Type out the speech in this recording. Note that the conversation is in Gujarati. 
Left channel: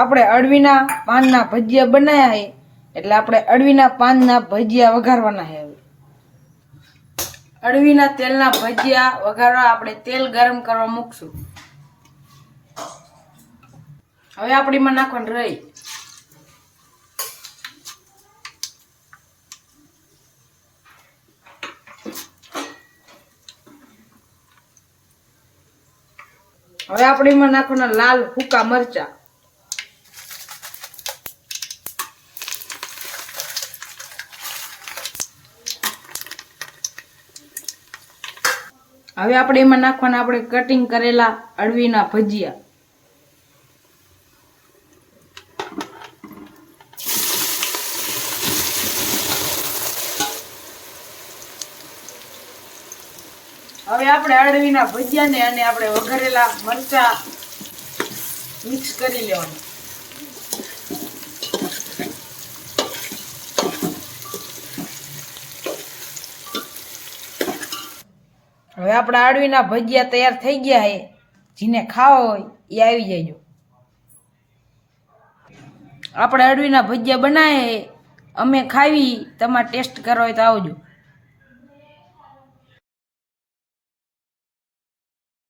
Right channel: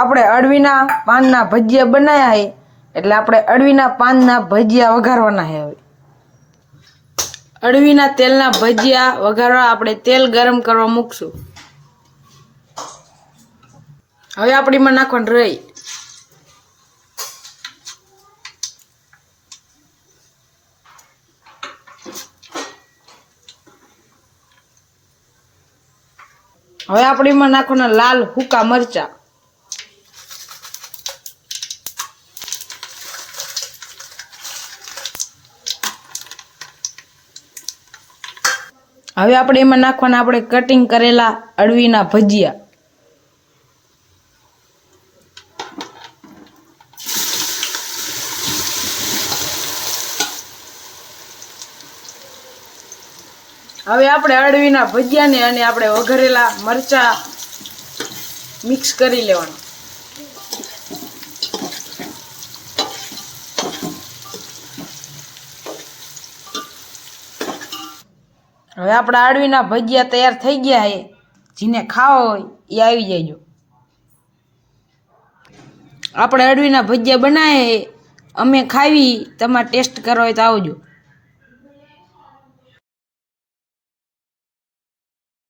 આપણે અળવીના પાનના ભજીયા બનાવ્યા છે, એટલે આપણે અળવીના પાનના ભજીયા વઘારવાના છે. હવે અળવીના તેલના ભજીયા વઘારવા આપણે તેલ ગરમ કરવા મૂકશું. હવે આપણે એમાં નાખવાનું રહી. હવે આપણે એમાં નાખવાના લાલ સૂકા મરચા. હવે આપણે એમાં નાખવાના આપણે કટિંગ કરેલા અળવીના ભજીયા. હવે આપણે અળવીના ભજીયાને અને આપણે વઘારેલા મરચા મિક્સ કરી લેવાનું. હવે આપણા અળવીના ભજીયા તૈયાર થઈ ગયા છે. જેને ખાવા હોય એ આવી જજો. આપણે અળવીના ભજીયા બનાવે અમે ખાવી, તમારે ટેસ્ટ કરવા હોય તો આવજો.